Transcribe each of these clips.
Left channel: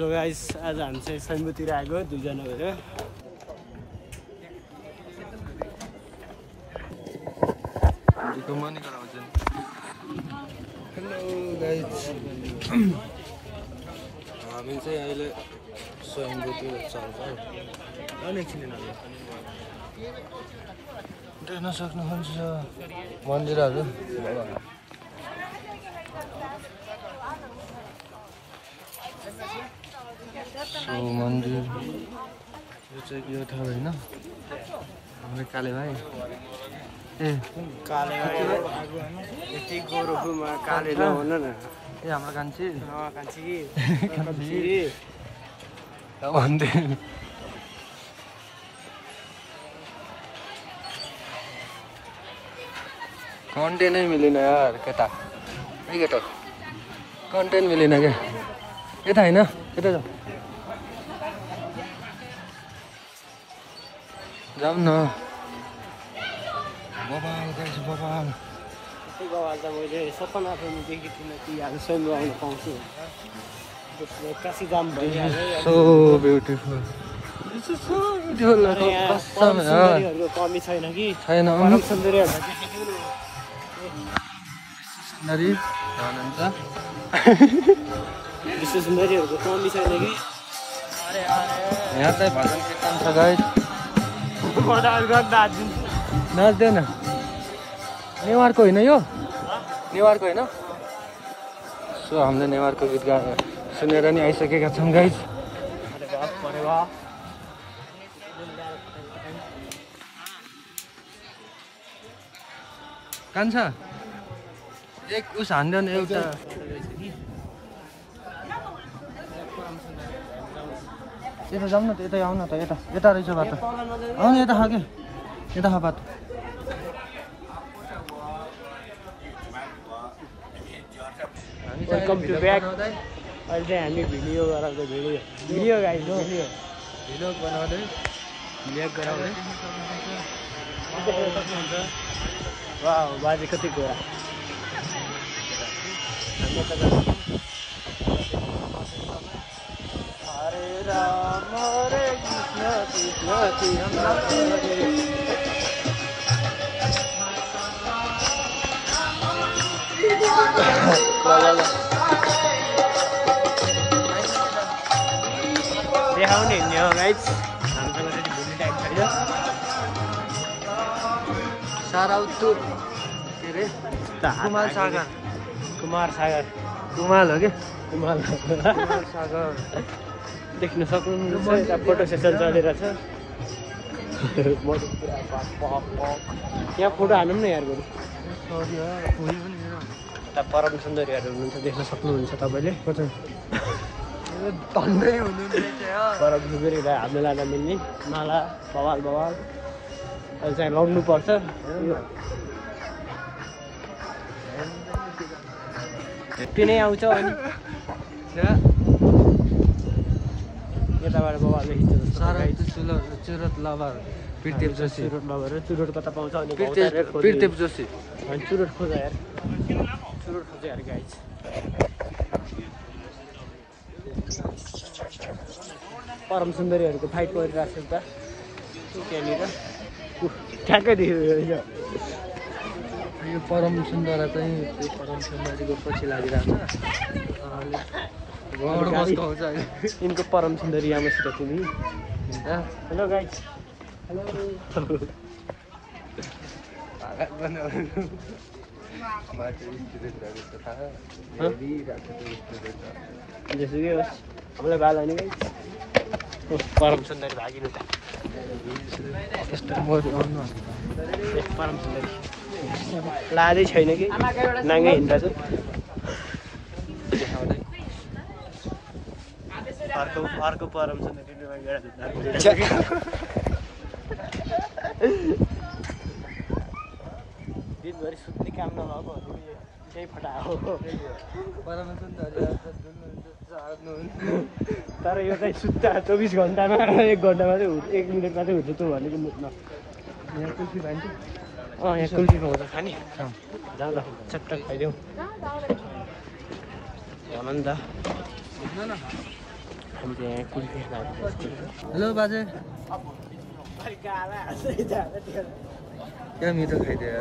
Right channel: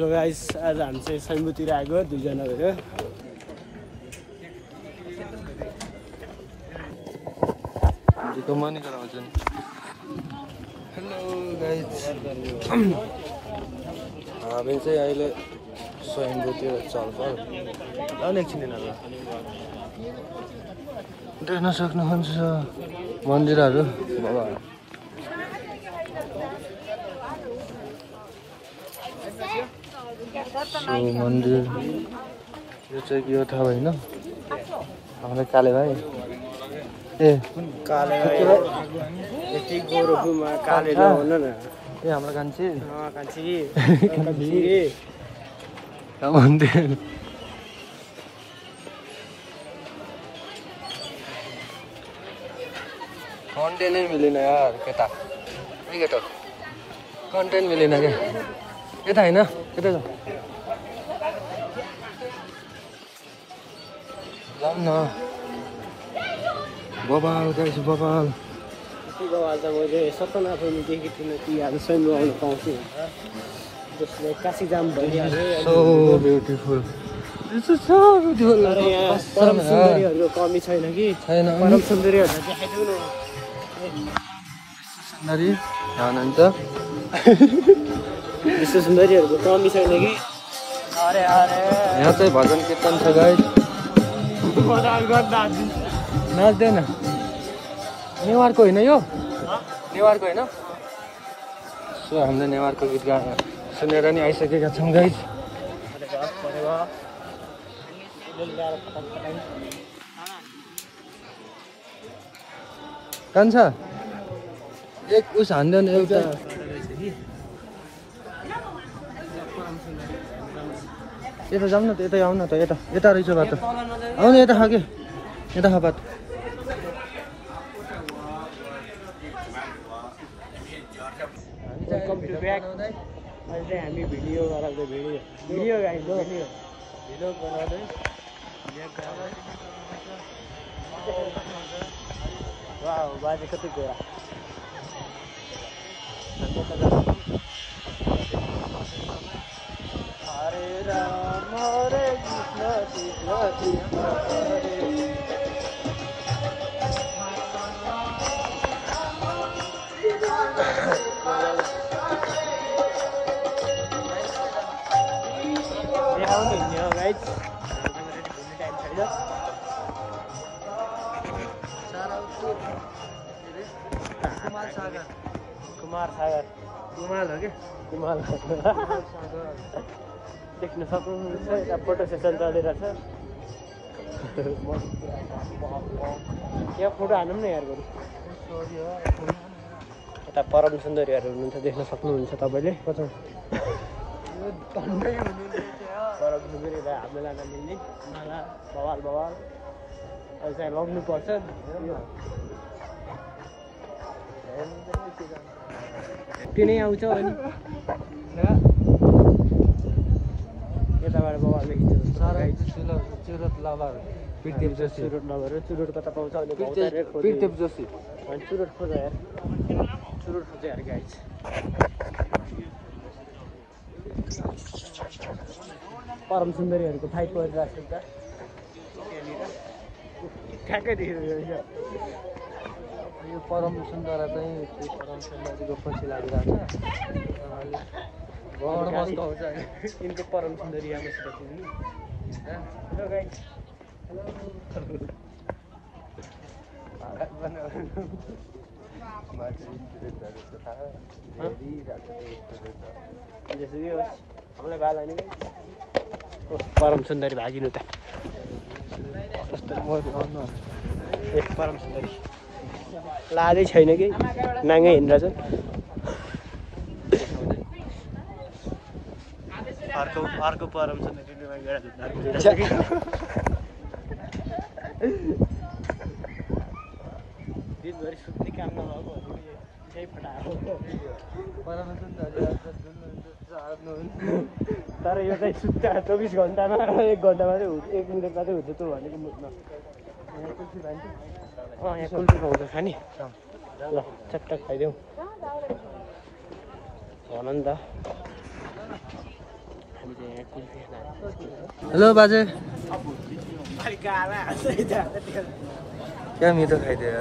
Hello guys, आज हामी चाहिँ सैमतिर आएको दुईजना भएर। हेलो गाइस, हामी चाहिँ अहिले सैमतिर चल्छौँ। देख्न सक्नुहुन्छ मन्दिरहरू। सो मन्दिर यो चाहिँ के हो थाहा भएन। हाम्रो काले भाइ काले यति गोरुमा काले नहुन न। हाम्रो कान्छी कन्टेन्ट नै मिलेन यार। कन्टेन्ट मिलेन क्या यता होइन यतै जाऊ न बबाल गाइस बबाल। बबाल त मैले सपना पनि देखेको थिइनँ कि आज सैम आउन पाउँछु। त्यसले काशी जाम भनिहाल्यो। ब्युटिफुल तर यहाँ परम सुन्दरीहरूको कमी छैन कि। परम सुन्दरीहरूलाई देखाइदिउँ न। सुन्दरी हुनुहुन्छ विश्व सुन्दरीहरूको कमी छैन कि। अरे यहाँ चाहिँ भजन कीर्तन छ गाइस। नाच्दैन नेवारको होइन यो नेवारको होइन। सो हामीले नेवारको गीत सुनेर पनि आइसकेका छौँ गाइस। कान्छा एक उस हान्दैन एउटा। यता जाउँ न त, यता आउन त, यता रहेछ बाटो। आउनु यता खा के यता खा बाटो। Welcome to back. अहिले चाहिँ हामी भिडियो गराउँदै भिडियो गाइस हो भिडियो बनाउँदै ब्याक गराउँदै। वाह बाजे कति गयो। हरे राम हरे कृष्ण कृष्ण कृष्ण हरे। देखाउने नि हो गाइस, हामीसँग चाहिँ भोलि टाइम छैन। कुमार सागर कुमाल हो कि कुमाल देख्न सक्नुहुन्छ। यता फोटो सेसन चलिरहेछ। यहाँ फोटो हानौँ न यार बरु। यता परम सुन्दरीहरू हुनुहुन्छ, देख्न सक्नुहुन्छ तपाईँले। परम सुन्दरीलाई हाम्न लान मिल्ने माला बवाल अहिले चाहिँ लाउनु पर्छ। तिनै आउँछ अनि यताबाट बबालले खिच्छ जस्तो गाइड। चुरोट लभर चुरोट कता पाउँछ भने चुरोट खोज यार, चुरोट खोज यार गाइज। परम सुन्दरीहरूको फाइट परिरहेको छ उता त्यहाँनिर ठ्याक्कै देखेको। यो परम सुन्दरा चाहिँ त्यो परम सुन्दरीको पछि लागिरहेको छ। यिनको परम सुन्दरी आमासित तिमी। Hello guys hello. जेसुकै होस् हामीलाई बाल होइन गाइज। परम सुन्दरी भागिनु त परम सुन्दरी लाजै छैन कि नाङ्गै हिँडिरहेछ। अर्को परम सुन्दरी दिनभरि सुत्ने काम नभएको यहीँ फटाएको। तर यो चाहिँ सुत्ता 24 घन्टामा 1 घन्टामा चाहिँ 1 मिनटमा चाहिँ हुन्छ भनेको मुट्न। यहाँ कुल्फी खान्छ। यहाँ कुल्फी पाउँछ खाने जाँदा चट्ट खाइदेऊ भन नि त। हेलो बाजे क्या मिठो खाइदिएर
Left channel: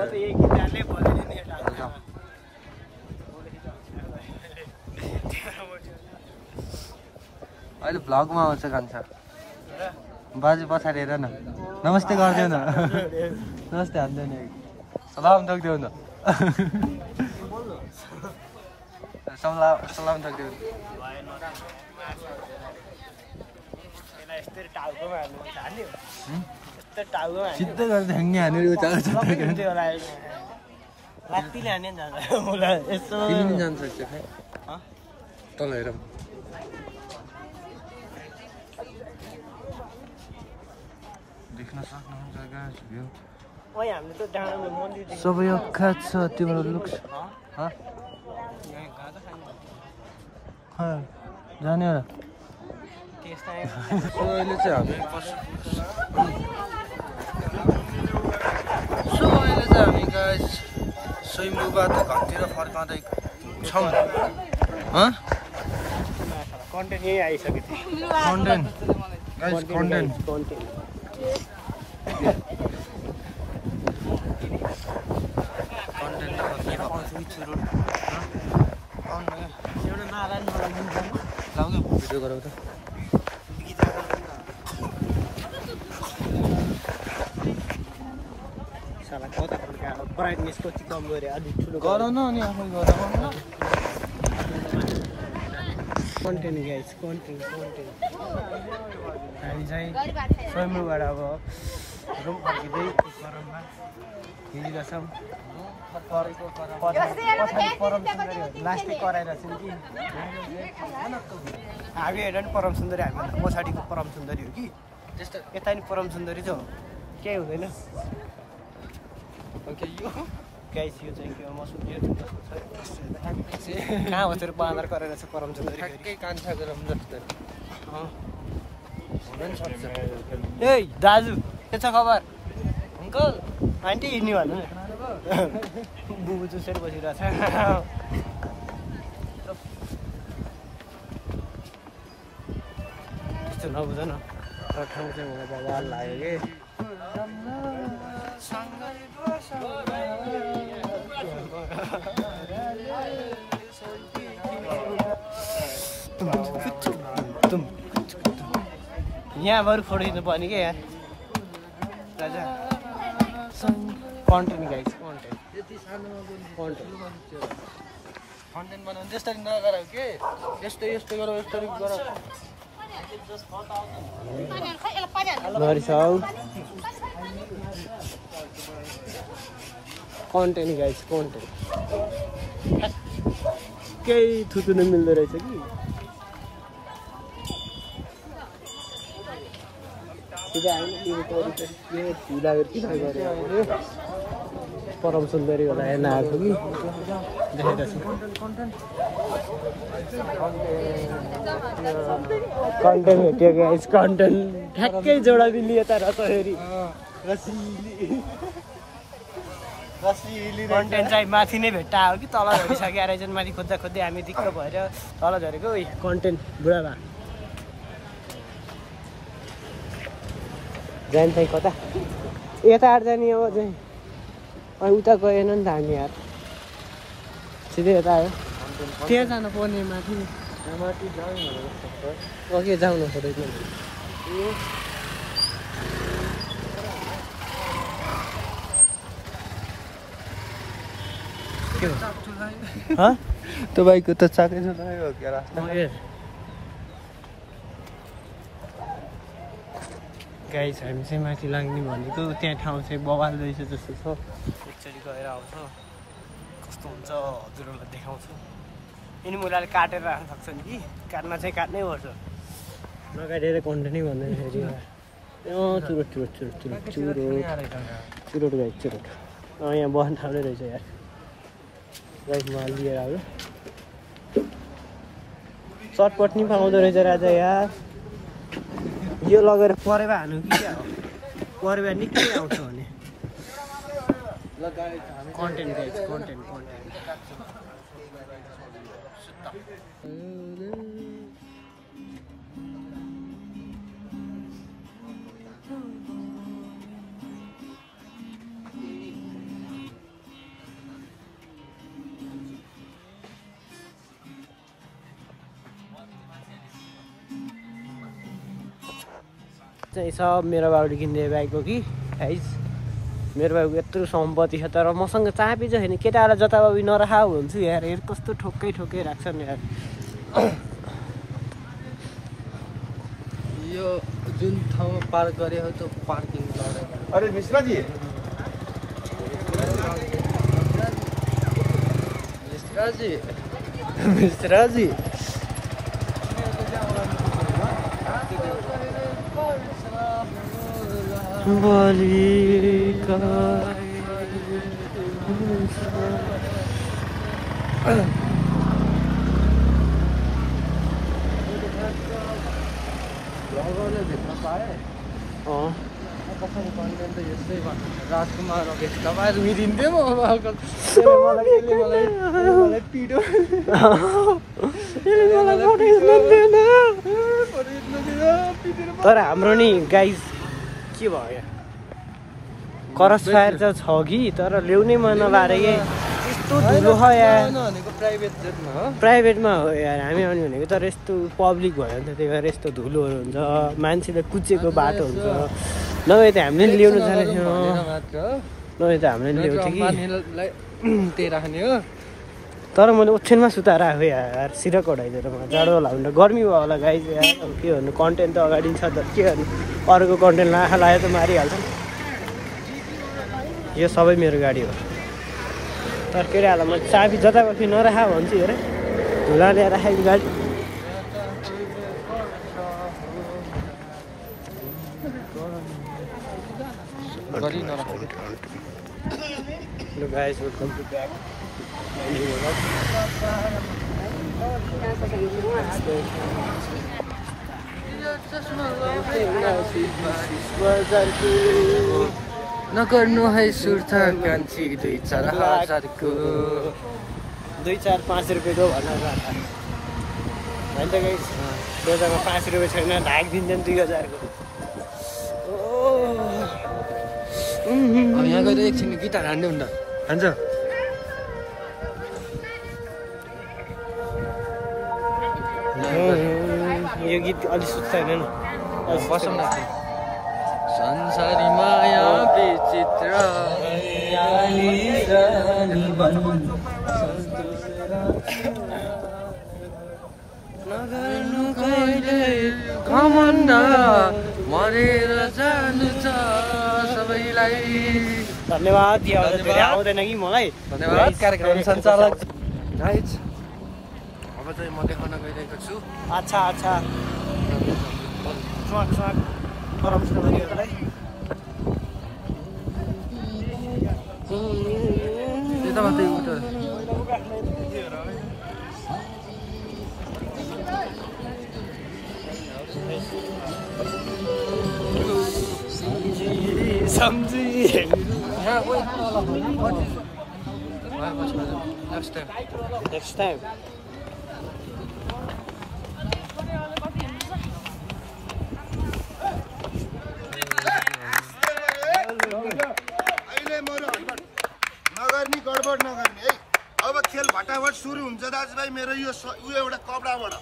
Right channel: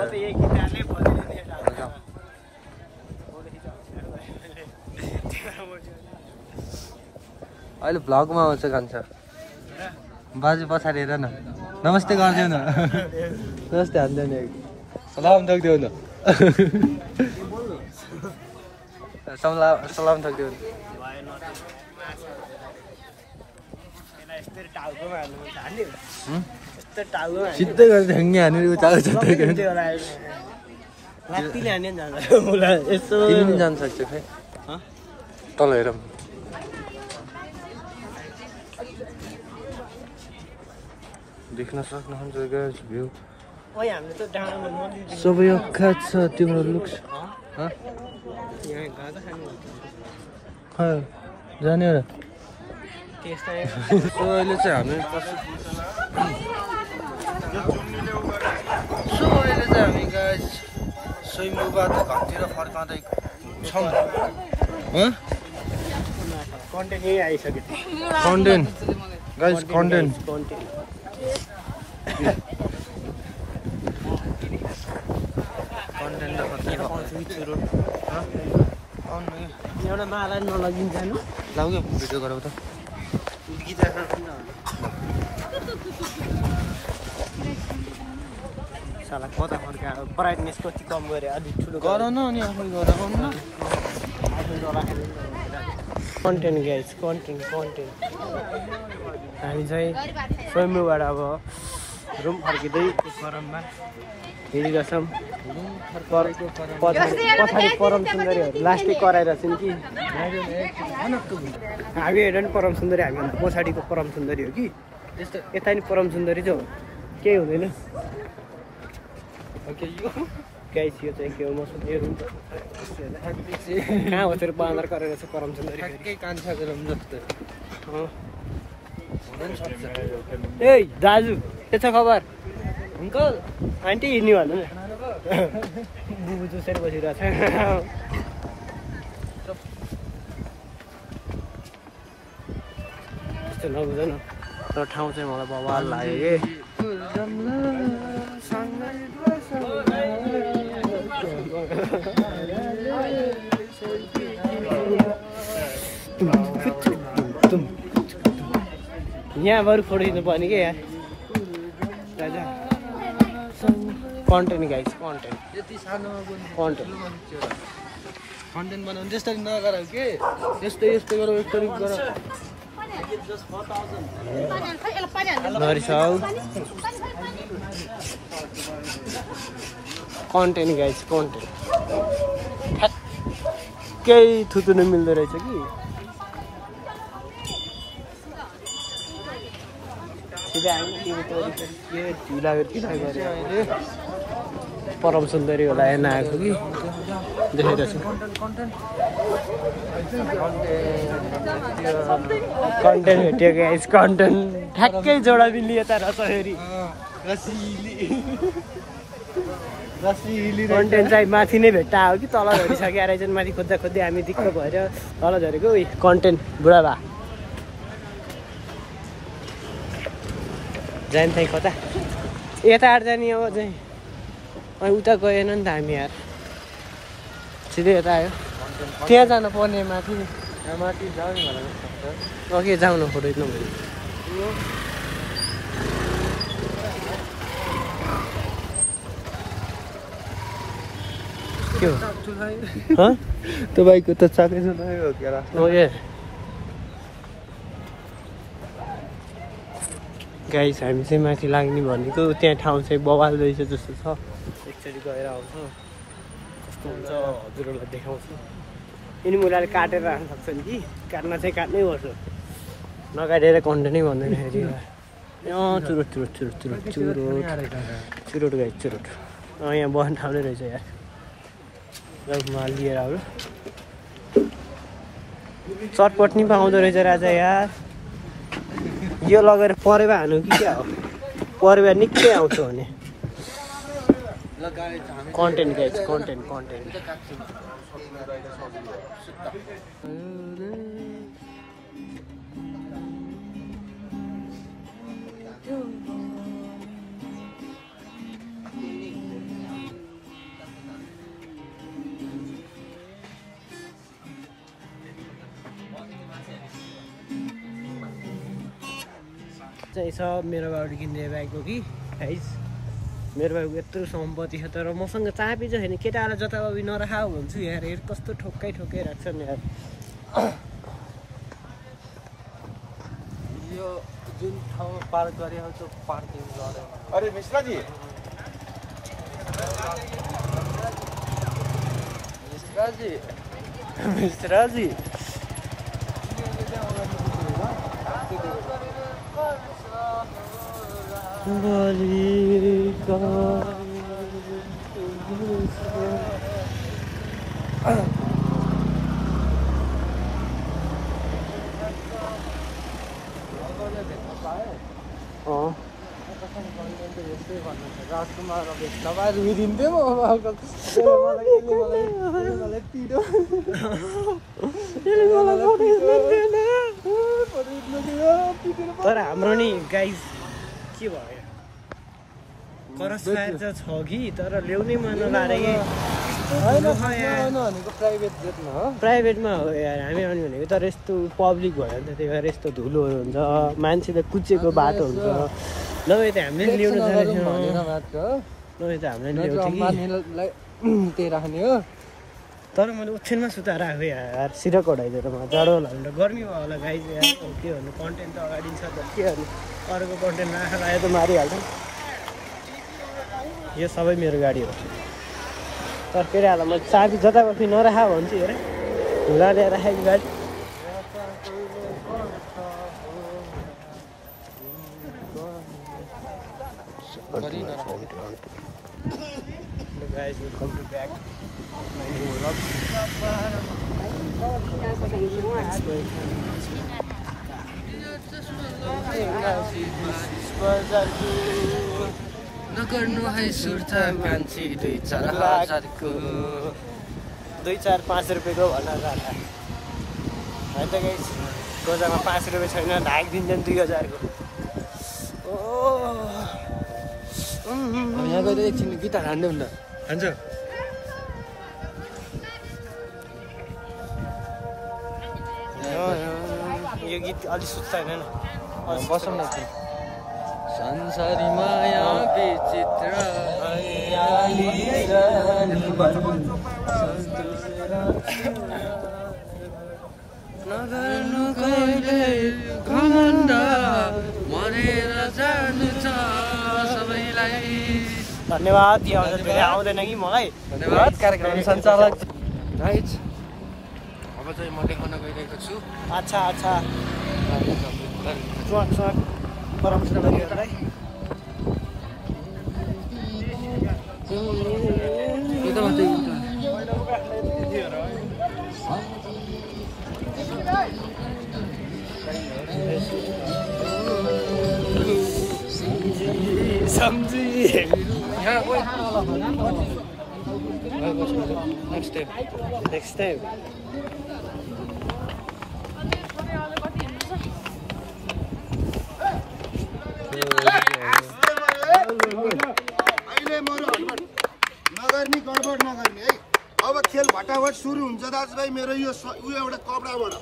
अहिले भ्लगमा आउँछ खान्छ बाजे पछाडि हेर न नमस्ते गरिदेऊ न नमस्ते हान्दैन नि सलाम थक्देऊ न सलाम थक्देऊ न सिधै गरेर ढ्याङ्गे हानेर उचाल्छ तिमी पनि जान सक्छौ खै तल हेरौँ देख्न सक्नुहुन्छ गाइस भ्यू सबै अख्खा छ तिम्रो लुक्स जाने हो र अहिले चाहिँ हामी गाइस स्वयम्भूबाट घरतिर फर्काउँदै छौँ कन्टेन्ट गाइस कन्टेन्ट एउटा मालाई नलगिन्छ लाउ न भिडियो गरौँ त ब्राइटनेस कति कम गरे अलिक ठुलो गराउनु अनि आफै गराउनु कन्टेन्ट गाइस कन्टेन्ट हामी चाहिँ स्वयम्भूबाट अब रुम फर्किँदै परममा हिँडिरहेछौँ पछाडि परम सुन्दरीहरू लास्टै कराइरहेको छौँ कि हामी हेर्दा नि परम सुन्दरी हामीभन्दा पछाडिको परम सुन्दरी हो कि यता नि परम सुन्दरी चाहिँ हो केही हुँदैन गाइस यो चाहिँ के हो मसँग कहाँ हो तेरो बाँदर गरेर चाहिँ परम सुन्दरी ए दाजु के छ खबर अङ्कल आन्टी हिँड्नु भन्नु बुबु चुसेर बसिरहेको छ त्यस्तो नबुझ न तर ठाउँ चाहिँ मलाई बवाल लाग्यो यहाँ बरु फोटो खिच्नु पर्ने क्या यार राजा कन्टेन्ट गाइस कन्टेन्ट बनाउनु त्यस्तै नगर के यस्तै गरेर एकचोटि गर कन्टेन्ट गाइस कन्टेन्ट केही थुत्नु मिल्दो रहेछ कि परम सुन्दरी होला हेर्न आएको कि देखेर छ कन्टेन्ट भेट्यो गाइस कन्टेन्ट ठ्याक्कै जोडा बिल्ली यता रहेछ हेरी कन्टेन्ट चाहिँ माथि नै भेट्टा हो कि तल झरिसक्यो रहेछ माथि खोज्दा खोज्दै हामी दिक्क भएर तल झरेको कन्टेन्ट बुढा भा जाने चाहिँ कता यता आँट जाने अब चाहिँ उता गएन नि त हामी यार सिधै यता आयो त्यहाँ जानु पर्ने माथि अघि जाउँ न फोटो खिच्नु तपाईँको त चाकै सुनायो क्या ओके गाइस हामी चाहिँ माथि लाग्ने भनेको त्यहाँ ठाउँ चाहिँ बवाल रहेछ जस्तो छ एकचोटि गएर आउँछौँ कस्तो हुन्छ हजुरहरूलाई देखाउँछु यिनी मुलाले काटेर राख्न सक्छन् कि काट्न चाहिँ काट्नै पर्छ नकाटेर कन्टेन्टै भन्दैन चुरोट गाइस चुरोट यहाँ बस्ने ठाउँ नै रहेछ यार चटपट नि पाउँदो रहेछ राजा यार यो लगेर परेवा हानु कि क्या हो परेवा निकै आउँछ भने कन्टेन्ट गाइस कन्टेन्ट सब मेरो बाबुले किनिदिए बाइकको कि गाइस मेरो बाबुको यत्रो सम्पत्ति छ तर मसँग चाबी चाहिँ छैन केटाहरूलाई जताभावी नराखा हुन्छु यार हेर कस्तो ठोक्कै राख्छ नि यार यो जुन ठाउँमा पार्क गरे हो त्यो पार्किङ लडे अरे मिश्राजी मिश्राजी तर हाम्रो नि गाइस के भयो करस फायर त छ कि तर ल्याउनै मन नलाएर यस्तो धुलो छ यार प्राइभेटमा हो यार हामी आउने भनेको तर यस्तो पब्लिक भयो भने त त्यही भएर यस्तो धुलो हुन्छ मान्छेले कुचेको बाटो हुन्छ नभए त हामीले ल्याउनु जानेको नभए त हामीले ल्याउँथ्यो कि तर मैले ओछ्यानमा सुताएर आएको यार सिधा जाडो होला भने त गर्मी भयो होला गाइस यार के भन्नु कन्टेन्ट त अगाडि छ त के गर्नु अरूको कन्टेन्ट लायक यो सबै मेरो गाडी हो तर केटाहरू मैले चाबी जताभावी नराखा भन्छु हेर धुला ल्याएर राखेको गाडी गरी नराखेको guys, welcome to back. नगर्नु है सुर्थ कान्छी 2-4 हजारको 2-4-5 रुपियाँको भनेर होइन त गाइस बजारमा 5 रुपियाँ छैन ढाक दिन्छन् 2000 को एकछिन गिटार हान्नु न हान्छ यो गीत अलि सुत्छ हैन अलि सुत्छ संसारी माया विचित्र नगर्नु कहिले घमण्ड मरेर जानु छ सबैलाई धन्यवाद यो आउँदा धेरै आउँदैन कि मलाई धन्यवाद कार्यक्रम सञ्चालक गाइज अब चाहिँ म देखाउन गइरहेको छु अच्छा ट्रक परम सुन्दरीहरूलाई यता मात्रै उता सम्झी यहाँ नेक्स्ट टाइम नगर्ने गडबड नगर्ने है अब खेल भटाभट सुरु हुन्छ दाजुभाइ मेरो यो एउटा कपडाबाट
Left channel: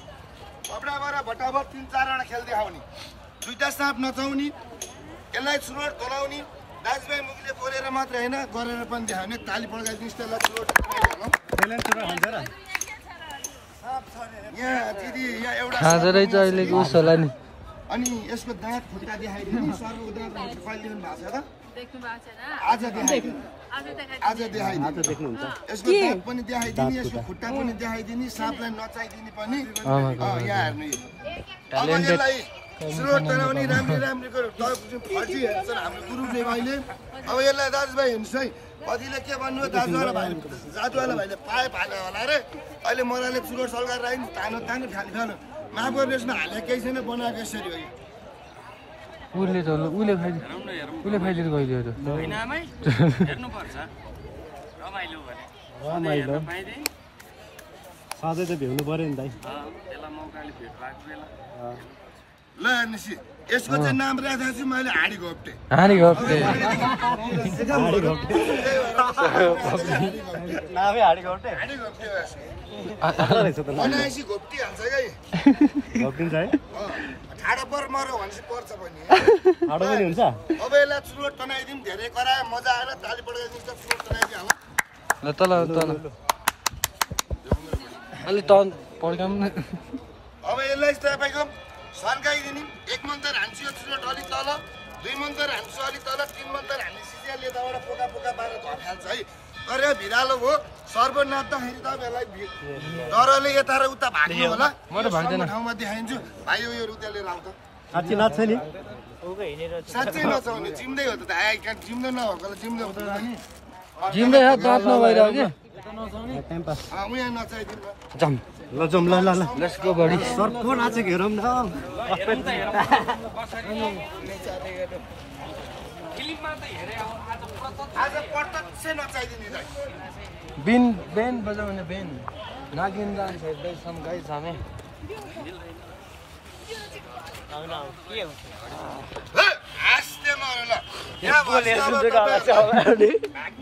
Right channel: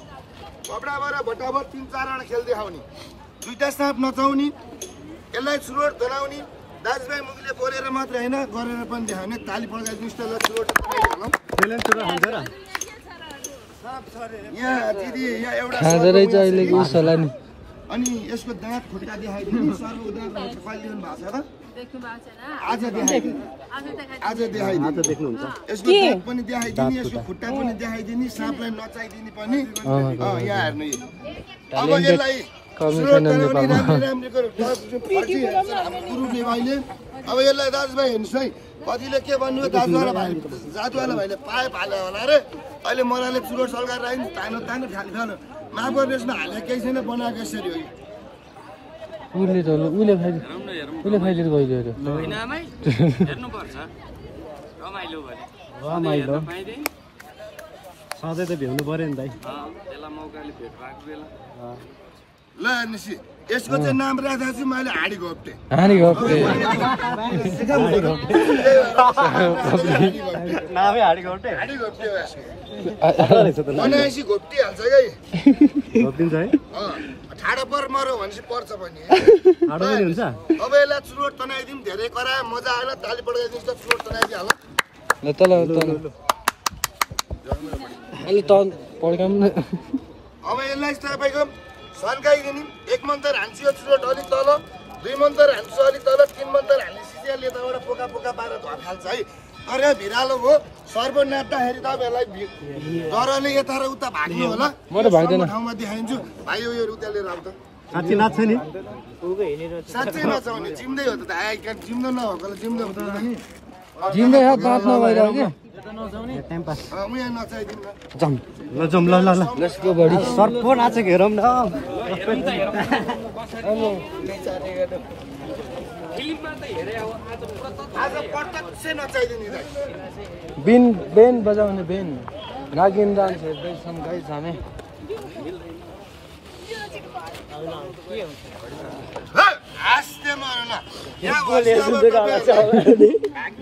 भटाभट 3-4 वटा खेल देखाउने दुईटा साँप नचाउने यसलाई चुरोट धोलाउने दाजुभाइ मुखले बोलेर मात्र होइन गरेर पनि देखाउने ताली पड्काइदिनुहोस् त ल चुरोट यहाँ दिदी यहाँ एउटा खाँदो रहेछ अहिलेको उस होला नि अनि यसको दाँत खुट्टा देखाइदिनु सर्व उदाहरण देख्नु भएको छ आज देखाइदिनु देख्नुहुन्छ यसको दाँत पनि देखाइदिने यसको खुट्टा पनि देखाइदिने साँपलाई नचाइदिने पनि यहाँ हेर्नु अब यसलाई अब यसलाई दाजुभाइ हेर्नुहोस् है कतिले के भन्नुभयो जातुवाला भाइले पाइप हाल्यो होला रे अहिले मलाले चुरोट सल्काएर आयो नि तानो खानु माफ गरिदिनुहोस् न हालेको केही छैन बनाएको यसरी हो उसले खाइदिएर गइदियो रमाइलो सधैँ त भ्याउनु पर्यो नि भाइ ल हेर्नुहोस् यसको चाहिँ नाम राखेको छु मैले हाँडी घोप्टे हानी घोप्टे नामै हाडी घोप्टे बनाएपछि घोप्टिहाल्छ है घोप्टिन्छ है ठाडो पर मरो भनेपछि पर्छ पनि ठाडो पनि हुन्छ अब यसलाई चुरोट तनाइदिउँ धेरै करा मजा आएन ताली पड्काइदिउँ त चुरोट तनाइदिउँ हाल ल तल अलि त पड्काउँ न अब यसलाई तपाईँको सन्काइदिने 1 मन्तर हान्छु यो चुरोट अलिक तल 2 मन्तर हान्छु अलिक तल 3 मन्तर हानेपछि यसले यताबाट पोका पोका पारेर धर्खाल्छ है तर भिरालो हो सर्व नाच्दाखेरि तपाईँहरूलाई डरले यता र उता भाग्नु होला म त भाग्दैन ठाउँमा देखाइदिन्छु भाइ यो रुपियाँ लिएर आउँछ साँच्चै नाच्छ नि साँच्चै नचाउने जिम्दै हो त जिम्दो नभएकोलाई जिम्दो जिम्दै दाँत नभइरहेको क्या टाइम पास म यहाँ नचाइदिउँ न जाम ल जाउँ ल ल ल लेट्स गो बडी सर को नाचेको हेरौँ न आज प्रत्यक्ष नचाइदिने दाइ बेन बजाउने बेन नागिन डान्स जाने हाँस्दै मरेन भाग्ने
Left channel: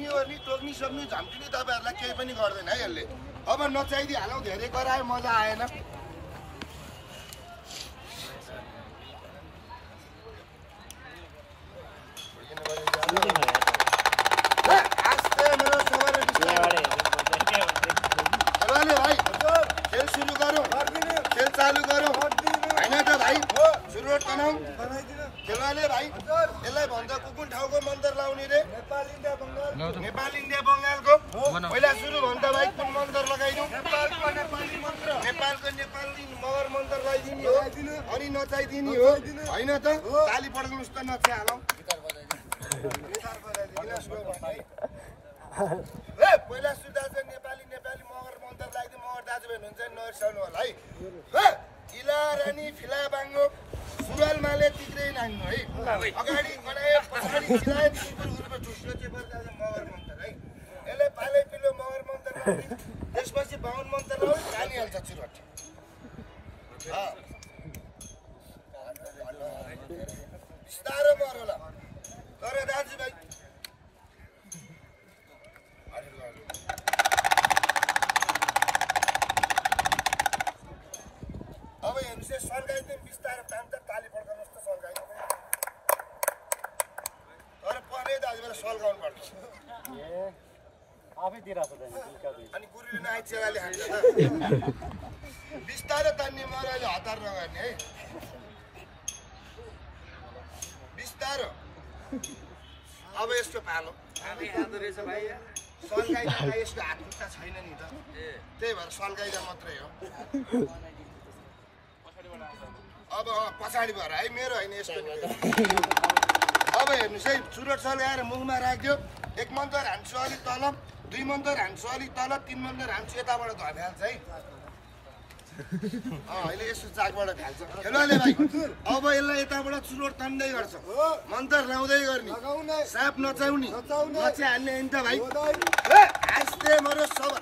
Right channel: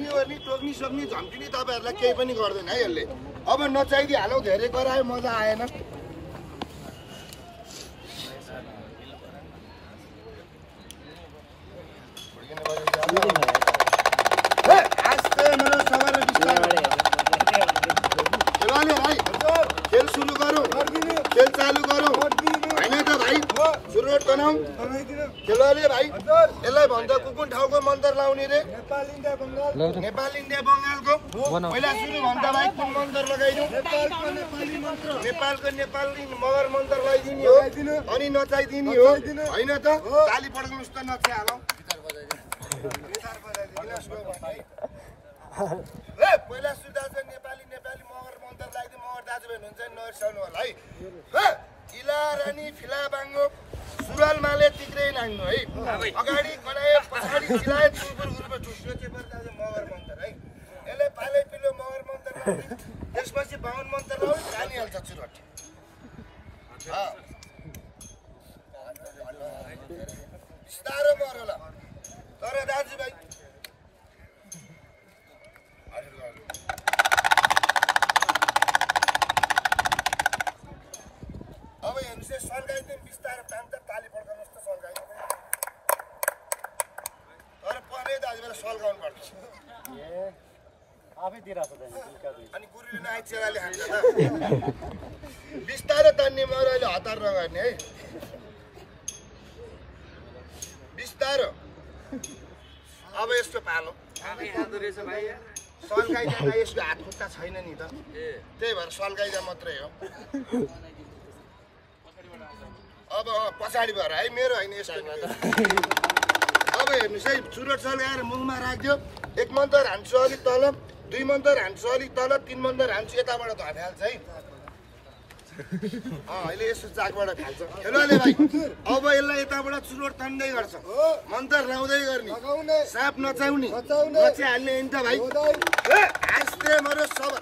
गर्ने टोक्नी सोक्नी झम्किने तपाईँहरूलाई केही पनि गर्दैन है यसले अब नचाइदिइहालौँ धेरै गरायो मजा आएन खेल सुरु गरौँ खेल चालु गरौँ होइन त भाइ सुरुवात बनाऊ खेलाले भाइ यसलाई भन्छ कुन ठाउँको मन्त्र लाउने रे नेपाल इन्डिया बङ्गालको पहिला सुरु भन्छ भाइ कुन मन्त्र लगाइदिउँ नेपालको नेपाली मगर मन्त्र लगाइदिने हो अनि नचाइदिने हो होइन त ताली पड्काउनुहोस् त नचाइहालौँ पहिला सुरु नेपाली मगर मन्त्र लगाइदिउँ मगर दाजुभाइ हुनुहुन्छ नरिसाउनु होला है किला रानी फिला बाङ्गो सुरुवाल माले तिग्रै नाङ्गो है अगाडि गलाए पछाडि चिलाए चुलपुर गुरुको ठुस्रो चाहिँ मगर मन्त्र है यसले पाले पिलो मगर मन्त्र लगाउने त्यसपछि बाहुन मन्त्र लगाउने जानिहाल्छ चुरोट बिस्तारो मर होला तर दाजुभाइ अब हेर्नुहोस् सल्काइदिउँ बिस्तारो तान्छ ताली पड्काउनुहोस् त सल्काइदिउँ तर परे दाजुभाइलाई सल्काउनु पर्छ अनि गुरुले नआइ चेलाले हान्छ त बिस्तारो तान्ने मरले हतार नगर्ने है बिस्तारो अब यसको पालो सल्काइदिँदा यसको हात खुट्टा छैन नि त त्यही भएर सल्काइदा मात्रै हो अब पछाडि भएर है मेरो होइन यसको अब हेर्नुहोस् है चुरोट सल्काएर मुखमा राख्यो 1 मन्तर हान्छु अलिक तल 2 मन्तर हान्छु अलिक तल 3 मन्तर हान्छु यताबाट धर्खाल्छ है अहिले यसो चाकबाट खाल्छ खेलाले भाइ अब यसलाई यताबाट चुरोट तान्दै गर्छ मन्तर लाउँदै गर्ने साप नचाउने नचाइहाल्ने होइन त भाइ हाँस्दै मरो सब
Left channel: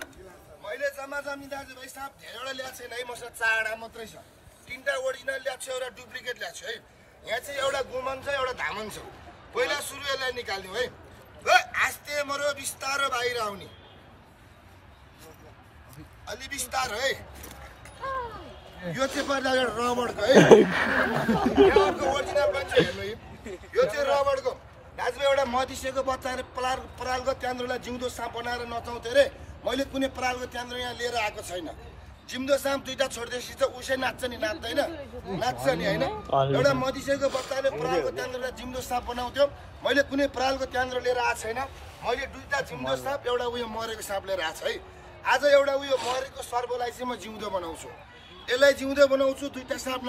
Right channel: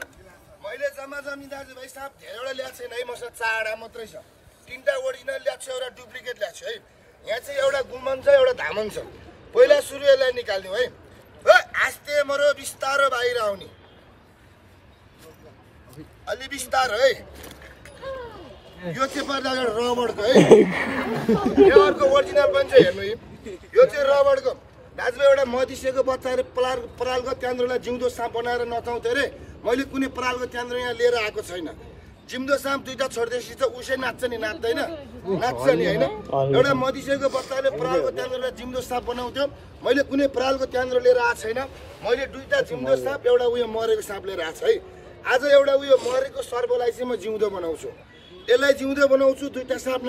मैले जम्मा जमी दाजुभाइ साप धेरैवटा ल्याएको छैन है मसँग 4वटा मात्रै छ 3टा ओरिजिनल ल्याएको छ एउटा डुप्लिकेट ल्याएको छ है यहाँ चाहिँ एउटा गुमन छ एउटा धामन छ पहिला सुरु यसलाई निकाल्दिउँ है हाँस्दै मरो बिस्तारो बाहिर आउने अलि बिस्तारो है यो चाहिँ पर्दा रबरको है यो अर्को ओरिजिनल पनि छ हेर्नु यो चाहिँ रबरको दाजुभाइ एउटा मधिसेको बच्चाले परालको त्यान्द्रोलाई जिउँदो साँप बनाएर नचाउँथे अरे मैले कुनै परालको त्यान्द्रो यहाँ लिएर आएको छैन जिउँदो साँप 2टा छोड्दैछ त उसै नाच्छ नि नाच्दैन नाच्छ नि होइन एउटा मधिसेको बच्चाले परालको त्यान्द्रोलाई जिउँदो साँप बनाउँथ्यो मैले कुनै परालको त्यान्द्रो लिएर आएको छैन मैले 2टा जिउँदो साँप एउटा उयो मरेको साँप लिएर आएको छु है आज एउटा उयो मरेको सर्वलाई चाहिँ म जिउँदो बनाउँछु यसलाई जिउँदो बनाउँछु 2टा साँप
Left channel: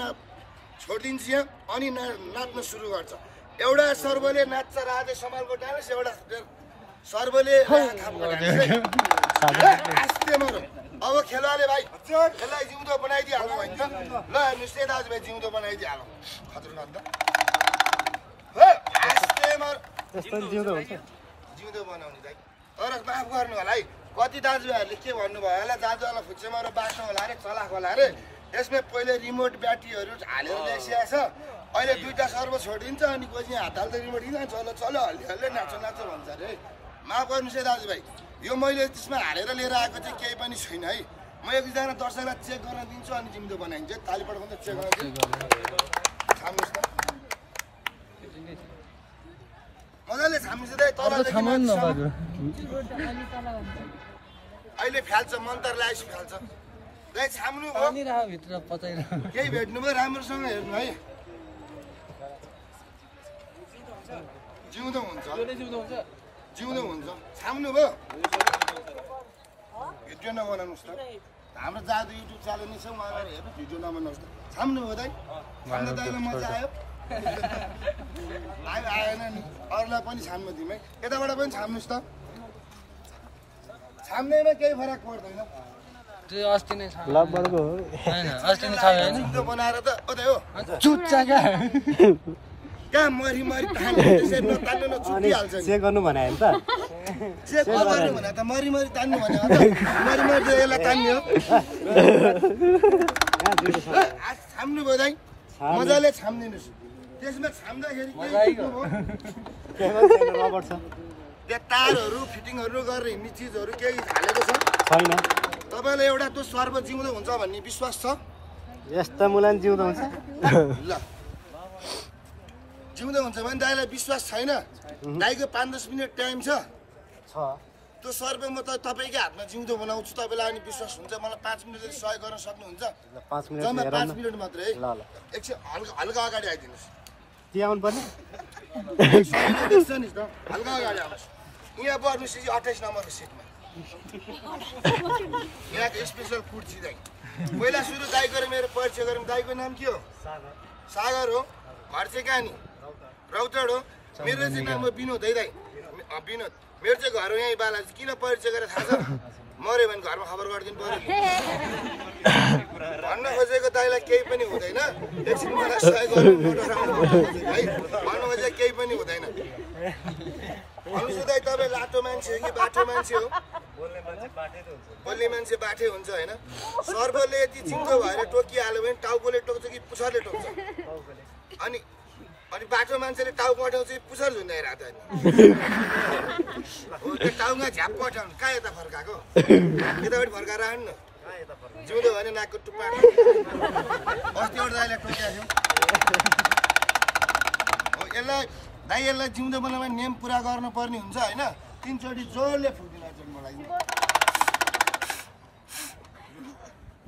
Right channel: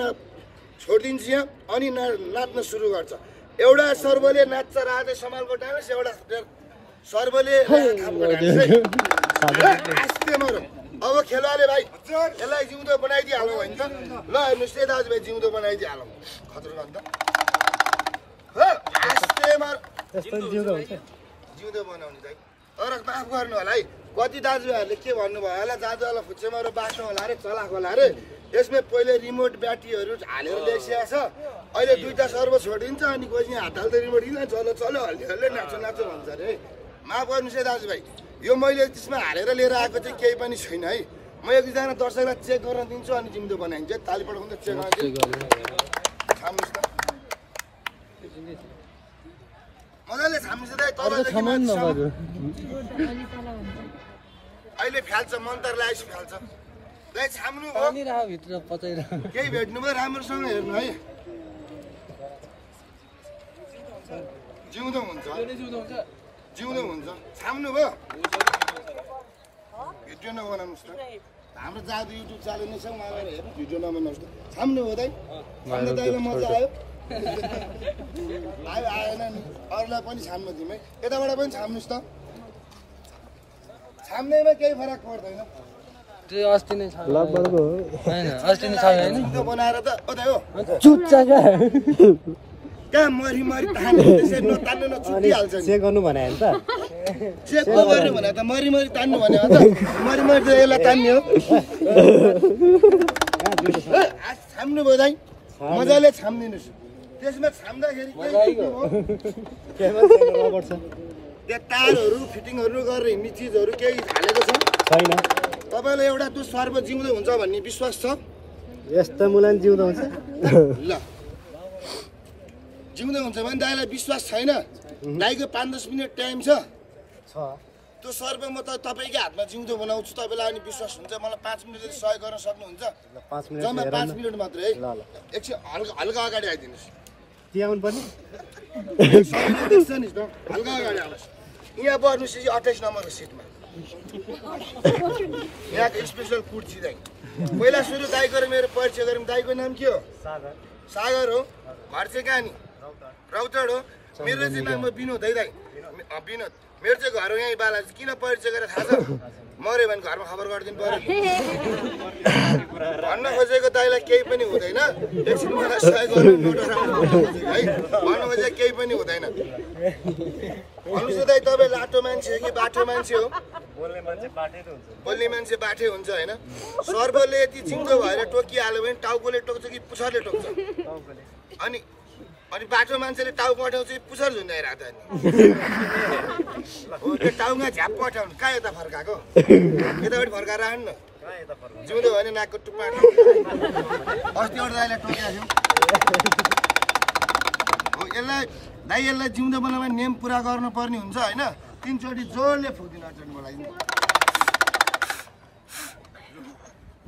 छोडिदिन्छु यहाँ अनि नाच्न सुरु गर्छ एउटा सर्वले नाच्छ राधे समालको डान्स एउटा सर्वले अब खेलाले भाइ यसलाई जिउँदो बनाइदिइहालौँ होइन त ल हेर्नुहोस् है दाजुभाइ जिउँदो बनाइदिइहालौँ खतरो भन्दा जिउँदो बनाउने दाइ तर माफ गर्नु होला है कति दाजुभाइहरूले के भन्नुभयो होला दाजुहरूलाई फुच्चेमा बाटो होला अरे चलाक होला अरे यसमा पहिले रिमोट ब्याट्रीहरू हालेर ल्याइसकेको छ। अहिले दुईटा सर्भ छोडिन्छ अनि कोही हात हाल्दै रिमोट किन चलो चलो हल्लिहल्ले नाचो नाचो भन्छ अरे है। माफ गर्नुहोस् है दाजुभाइ, यो मैले त्यसमा हालेर लिएर आएको चाहिँ केही पनि छैन है। म एक दुईजना दर्शकलाई चेक गर्न दिन्छु अनि जिउँदो बनाइन्छ। ताली पड्काउँदा चेक छाम्नुहोस् त मजाले छाम्नुहोस् त तलदेखि अहिले फ्याल्छ मन्तर लगाएपछि फ्याल्छ। दाइ छाम्नु हो केही भेट्नु भयो राम्रोसँग हेर्नु है। जिउँदो हुन्छ जिउँदो हुन्छ। छाम्नु भयो भिडियो नबनाउनुहोस् त। हाम्रो जादु युट्युब च्यानल नै छ उहाँलाई हेर्नु भिडियो नबनाउनुहोस् त। छाम्नु हो दाइ अन्त दाइलाई मजा आयो आएन नि अरूलाई पनि छाम्नु दिउँ है। यताबाट पनि छाम्नुहोस् त। छाम्नेमा केही फरक पर्दैन। त्यो अस्ति नै छ लगभग हैन अस्ति नै खायो नि जिउँदो बनाएर त ओ दाइ हो चुच्चा क्या कहाँ मरी मरी तान्नु त्यसै नतान्नु नछुटिहाल्छ नि। चेक गर्नु भने नि त चेक गर्नु भने त मरी मरी तान्नु भने हो त मरी मरी त यसलाई तान्ने हो। छाम्नु भयो दाइ मजाले छाम्दिनुहोस्। त्यसमा छाम्दाखेरि केही रबर छ त्यो तारहरू फिटिङहरू गरेर हिँड्ने चिजहरू केही हालेको छ छैन। तपाईँलाई एउटा त्यो सर्व जिउँदो हुन्छ भन्ने विश्वास छ? यस्तो मुलान जिउँदो हुन्छ ल जिउँदो हुन्छ भने दाइलाई विश्वास छैन? दाइको 5-10 मिनट टाइम छ। त्यो सर्व म त तपाईँकै हातमा जिउँदो बनाउँछु। तपाईँलाई अनि विश्वास हुन्छ मलाई 5 मिनटले सहयोग गर्न सक्नुहुन्छ? 5 मिनट जम्मा 5 मिनट मात्रै है। ल एकछिन हल्का हल्का अगाडि आइदिनुहोस्। त्यहाँ आउनु पर्ने देख्छ नि त हल्का अगाडि आउनुहोस्। यहाँ बस्नुहोस् 28 नम्बरको सिटमा। यहाँको स्पेसल फुड छ दाइ। पहिला सुरु दाइको र मेरो परिचय गरौँ। दाइको नाम के हो? सागर हो। घर चाहिँ कहाँ नि? रौतड हो। मेरो चाहिँ नाम हो विनोद है दाइ। विनोद मेरो चाहिँ घर हो यहीँ बालाजी। किन परिचय गरेर थाहा छ? मऱ्यो भने घरमा खबर गरिदिनु पर्यो। भन्न खोजेको दाइलाई केही पनि हुँदैन। एकछिन मलाई सहयोग गर्नु है। भन्नु खोजेको केही पनि हुँदैन। भन्नुहोस् दाइ तपाईँ लाटो मान्छे हो कि बाटो मान्छे हो? बोल्ने मान्छे बाठे हुन्छ होइन। सर्वले यति जिउँदो भएर टोकिहाल्यो भने टाउकोले टोक्छ कि पुछरले टोक्छ? अनि अनि बाटो मान्छेले टाउको पठाउँछ कि पुछर झुन्डाइरहेको त हो। त्यो टाउमा झ्याप पठाउनु कहाँ यता फर्काएको? यतापट्टि फर्काएर आउनु न। जिउँदो भने नाकको टुप्पा अस्ति एउटा दाइलाई टोकेको थियो हो। यसलाई दाइ यसलाई जिउँदो बनाउन नियम पुरा गर्नुपर्ने हुन्छ होइन। 3 चोटि जोडले फुक्दिनु हजुर मलाई।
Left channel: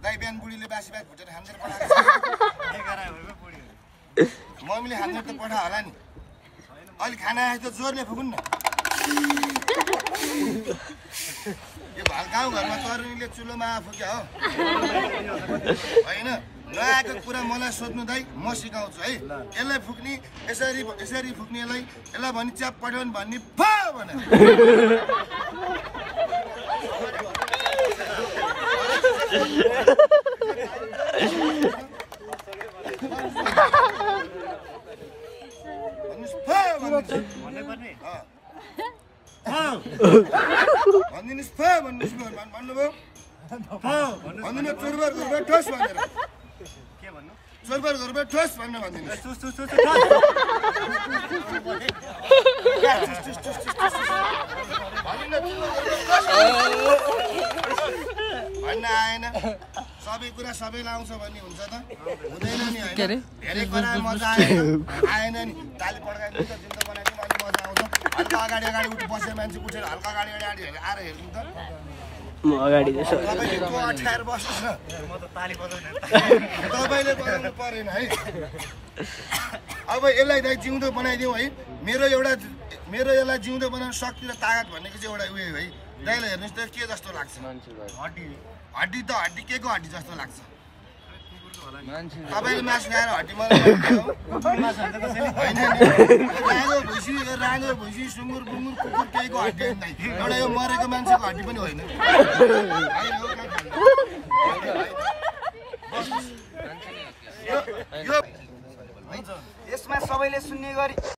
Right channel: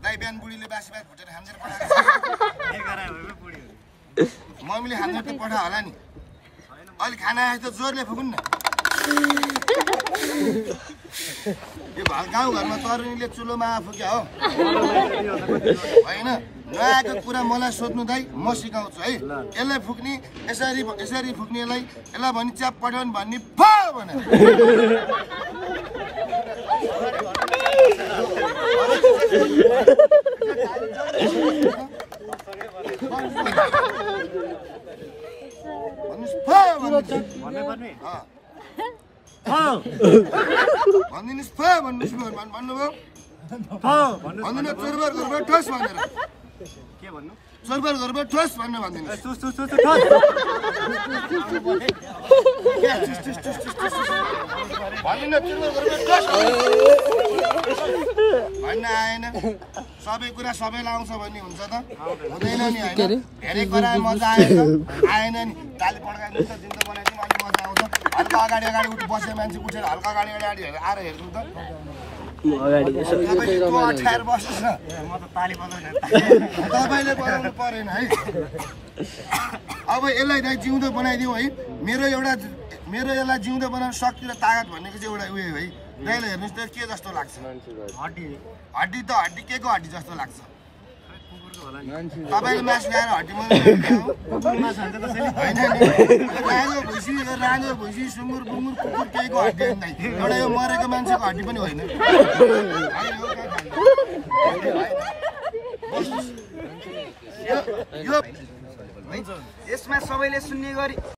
दाइ बिहान बुढीले बासी भात भुटेर खाँदेर पठाएको मम्मीले खाँदेर त पठायो होला नि। अहिले खाना आएछ त जोरले फुकुन् न। यो गाउँघरमा तरुनीले चुलोमा फुक्या हो होइन। नआएको कुरा मलाई सोध्नु दाइ म सिकाउँछु है। यसलाई फुक्ने यसरी यसरी फुक्ने यसलाई भने च्याप पठाउनु भन्ने फा भने भनिदिनुहोस् फा भन्नुहोस् भन्नुभयो। भन्दिनँ चोरबार घरबाट ठोस भनेर के भन्नु? चोरबार घरबाट ठोस भन्नु भनिदिनुहोस्। भन्न आएन। सबै कुरा सबैलाई आउँछ भन्ने हुन्छ त? हुँदैन नि होइन। धेरै कुरा मजा आएन नि। ताली पड्काइदिनु त जिउँदो बनाइदिउँ अलिक मजा आउँछ। हल्का अगाडि अगाडि उठि बस्ने मान्छे उठेर हल्का अगाडि अगाडि आएर हेर्नु त। अगाडि अठाएर बस्नुहोस् न। तपाईँले बनाउनु परेन है। अब यसलाई दाइ जिउँदो बनाइदिउँ है। मेरो यसलाई जिउँदो बनाउनु शक्ति र तागत भनेको चाहिँ एउटा उयो है। दाइलाई हेर्नुहोस् त के जस्तो लाग्छ? हड्डी त हड्डी के को हड्डी जस्तो लाग्छ? तपाईँले मासु खाएर हड्डी राँगो भुइँसी सुँगुर बुङ्गुर कुकुर केहीको हड्डी एउटा यो मरेको मान्छेको हड्डी पनि होइन। यसमा सबैले सुन्ने गरी